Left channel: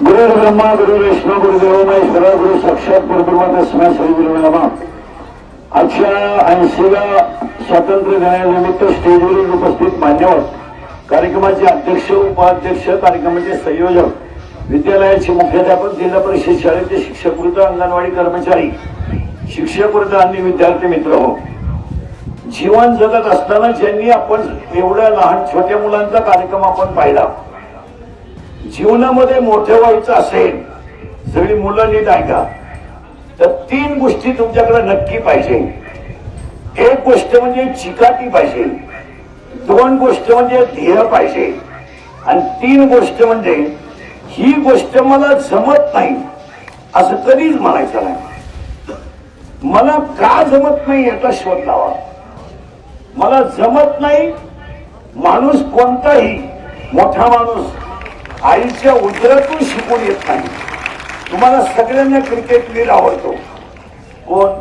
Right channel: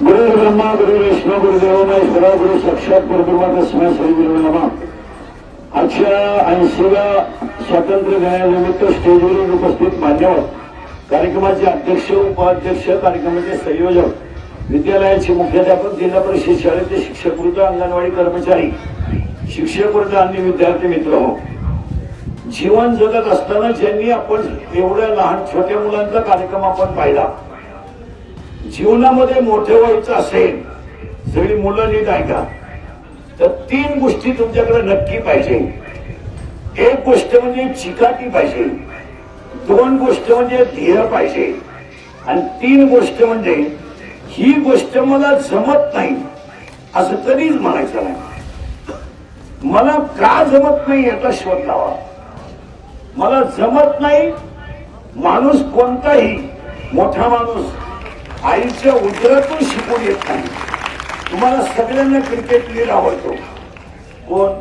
गुरु ब्रह्मा गुरु विष्णू गुरुदेव महेश्वरा गुरु साक्षात परब्रह्म तस्मै श्री गुरुवे नमः. आजच्या 80व्या स्वातंत्र्य दिनानिमित्त स्टेजवरील उपस्थित मान्यवर, कार्यक्रमाचे अध्यक्ष, उपाध्यक्ष, कार्यक्रमाचे संयोजक, विद्यालयाचे मुख्याध्यापक, जिल्हा परिषद शाळेचे शिक्षक वृंद, अंगणवाडी कर्मचारी, शिक्षक वृंद आणि विद्यार्थी मित्र हो, जीवन जगत असताना ज्यांनी आपण एवढ्या लहान छोट्या मुलांचा कार्यक्रम आपण पाहिला, जीवनामध्ये मोठे व्हायचं असेल, सगळी मुलं नीट ऐका, तर 3 गोष्टी तुमच्याकडे नक्की पाहिजे. एक गोष्ट म्हणजे चिकाटी पाहिजे, 2 गोष्ट म्हणजे ध्येय पाहिजे, आणि 3 गोष्ट म्हणजे ही गोष्ट मला जमत नाही असं कधीच म्हणायचं नाही. मला का जमत नाही याचा शोध लावा. मला जमत नाही, माणूस कोणताही मोठा माणूस आईच्या उदरातून शिकून येत नाही. तुम्हाला सगळ्यांना क्रिकेटवीर आवडतो. कोण?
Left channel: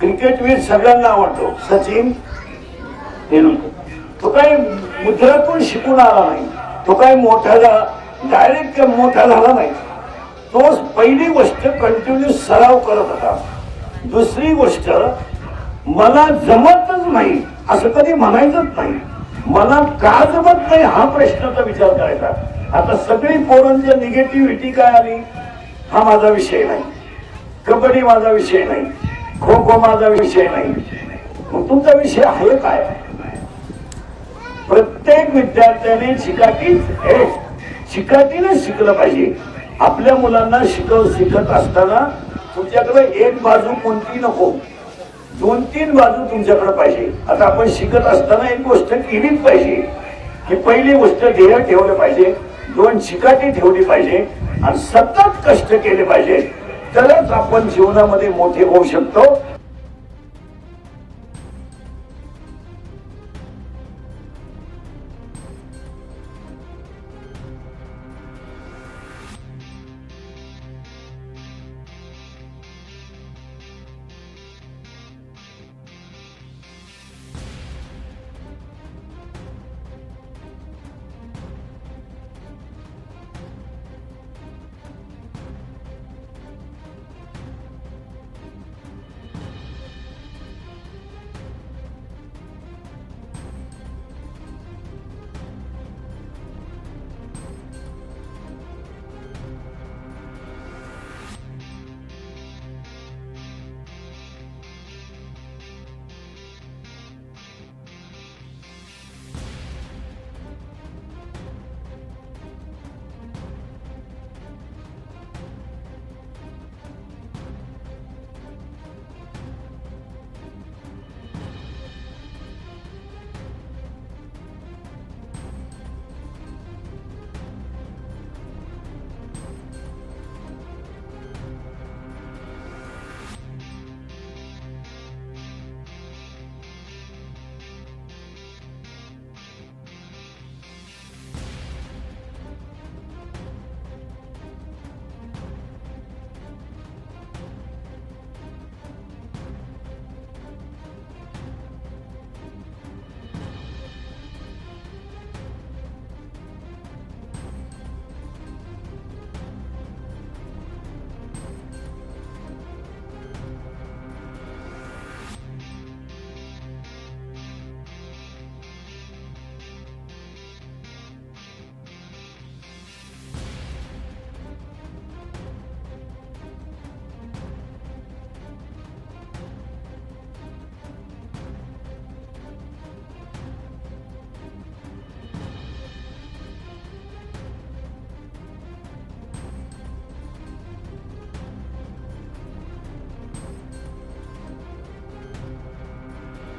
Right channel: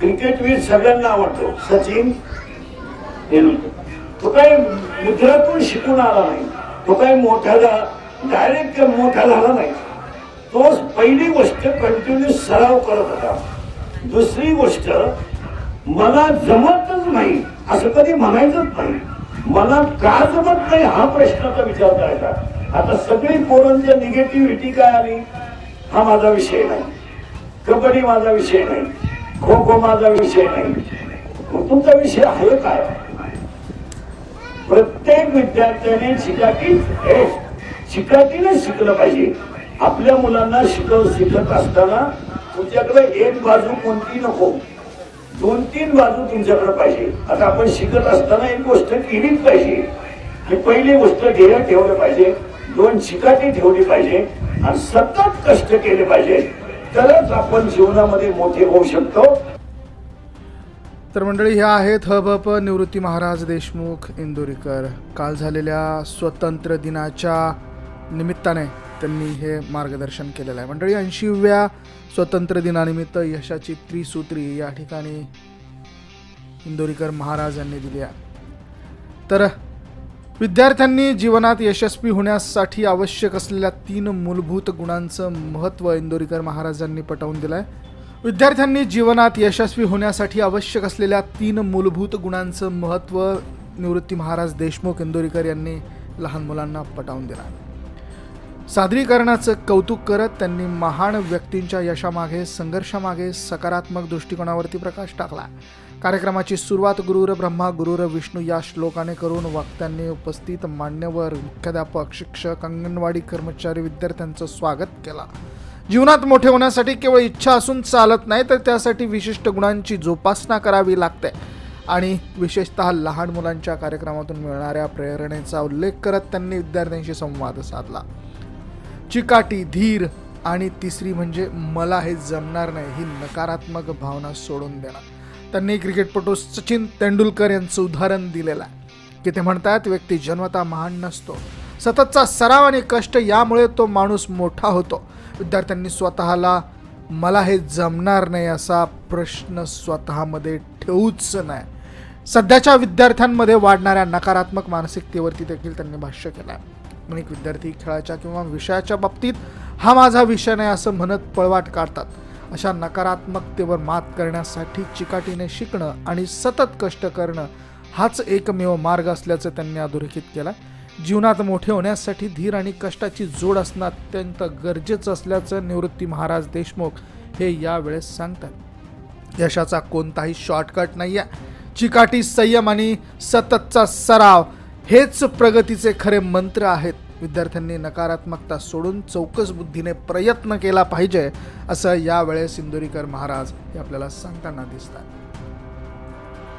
क्रिकेटवीर सगळ्यांना आवडतो. सचिन तेंडुलकर. तो काही मुद्रातून शिकून आला नाही, तो काही मोठा डायरेक्ट मोठा झाला नाही. तो पहिली गोष्ट कंटिन्यू सराव करत होता. दुसरी गोष्ट, मला जमतच नाही असं कधी म्हणायचंच नाही. मला का जमत नाही हा प्रश्नाचा विचार करायचा. आता सगळी पोरांच्या निगेटिव्हिटी काय आली, हा माझा विषय नाही, कबड्डी माझा विषय नाही, खो खो माझा विषय नाही. मग तुमचा विषय आहे काय? प्रत्येक विद्यार्थ्याने चिकाटीने शिकलं पाहिजे. आपल्या मुलांना शिकत असताना तुमच्याकडे एक बाजू कोणती नको, 2-3 बाजू तुमच्याकडे पाहिजे. आता आपण शिकत असताना एक गोष्ट केलीच पाहिजे की पहिली गोष्ट ध्येय ठेवलं पाहिजे, 2 चिकाटी ठेवली पाहिजे आणि सतत कष्ट केले पाहिजे, तरच आपण जीवनामध्ये मोठे होऊ शकतो. तर मंडळी, ह्या आहेत हबप निवृत्ती महाराज देशमुख इंदोरीकर. काल झालेल्या स्वतंत्र दिनाच्या निमित्ताने त्यांनी हे मार्गदर्शन केलेलं आहे. मंडळी, 80व्या स्वतंत्र दिनानिमित्त यशाची त्रिसूत्री या ठिकाणी इंदोरीकर महाराज यांनी दिली आहे. तर विद्यार्थ्यांनी जीवनात यशस्वी होण्यासाठी आवश्यक असलेल्या 3 मूलभूत गुणांचं महत्त्व इंदोरीकर महाराजांनी पटवून दिलं आहे. विद्यार्थ्यांनी जीवनात यशस्वी होण्यासाठी आवश्यक असलेल्या 3 मूलभूत गुणांचं महत्त्व निवृत्ती महाराज देशमुख इंदोरीकर यांनी लहान मुलांना पटवून दिलं आहे. सादरीकरणाचं कौतुक करत त्यांनी महान व्यक्तींच्या यशामागे, संघर्षामागे सकारात्मक दृष्टिकोनावरती प्रकाश टाकला. कार्यक्रमाची सुरुवात गुरुर ब्रह्मा गुरुर विष्णू या श्लोकाने करून वक्त्यांनी उपस्थित मान्यवर, मुख्याध्यापक, शिक्षक, अंगणवाडी कर्मचारी, विद्यार्थ्यांचं स्वागत केलं. जीवनात मोठे होण्यासाठी केवळ इच्छा असून चालत नाही, तर त्यासाठी विशिष्ट गुणांची जोपासना करावी लागते. आणि विशेषतः लहान मुलांच्या कार्यक्रमातून मिळणाऱ्या प्रेरणेचा उल्लेख करत त्यांनी विद्यार्थ्यांशी संवाद साधला. चिकाटी, धीर आणि तिसरी म्हणजे मला हे जमणार नाही ही नकारात्मक भावना सोडून देणं. त्यांनी क्रिकेटपटू सचिन तेंडुलकर यांचं उदाहरण दिलेलं आहे की ते म्हणतात, व्यक्ती जन्मतः महान नसतो, सततचा सराव आणि कष्ट यामुळे तो माणूस मोठा होतो. विद्यार्थ्यांनी स्वतःला मला हे जमणार नाही असा प्रश्न स्वतःमध्ये ठेवूच नाही. सध्याच्या विद्यार्थ्यांमध्ये वाढणाऱ्या नकारात्मक मानसिकतेवरती देखील त्यांनी भाष्य केलं आहे. अनेक विद्यार्थी खेळाच्या किंवा विषयाच्या बाबतीत हा माझा विषय नाही असं म्हणत पळवाट काढतात. अशा नकारात्मकतेवर मात करण्यासाठी चिकाटीने शिकणं आणि सतत कष्ट करणं हाच एकमेव मार्ग असल्याचं त्यांनी अधोरेखित केलं. जीवनात मोठे होण्यासाठी धीर आणि कष्टाची जोड असणं अत्यंत गरजेचं असल्याचं निवृत्ती महाराज देशमुख हे यावेळेस सांगतात. यशाचा कोणताही शॉर्टकट नाही आहे. चिकाटी, संयम आणि सततचा सराव हेच प्रगतीचे खरे मंत्र आहेत. विद्यार्थ्यांनी नकारात्मकता सोडून चौकस बुद्धीने प्रयत्न केला पाहिजे असं यावेळेस इंदोरीकर महाराज हे आपल्याला सांगताना दिसतात.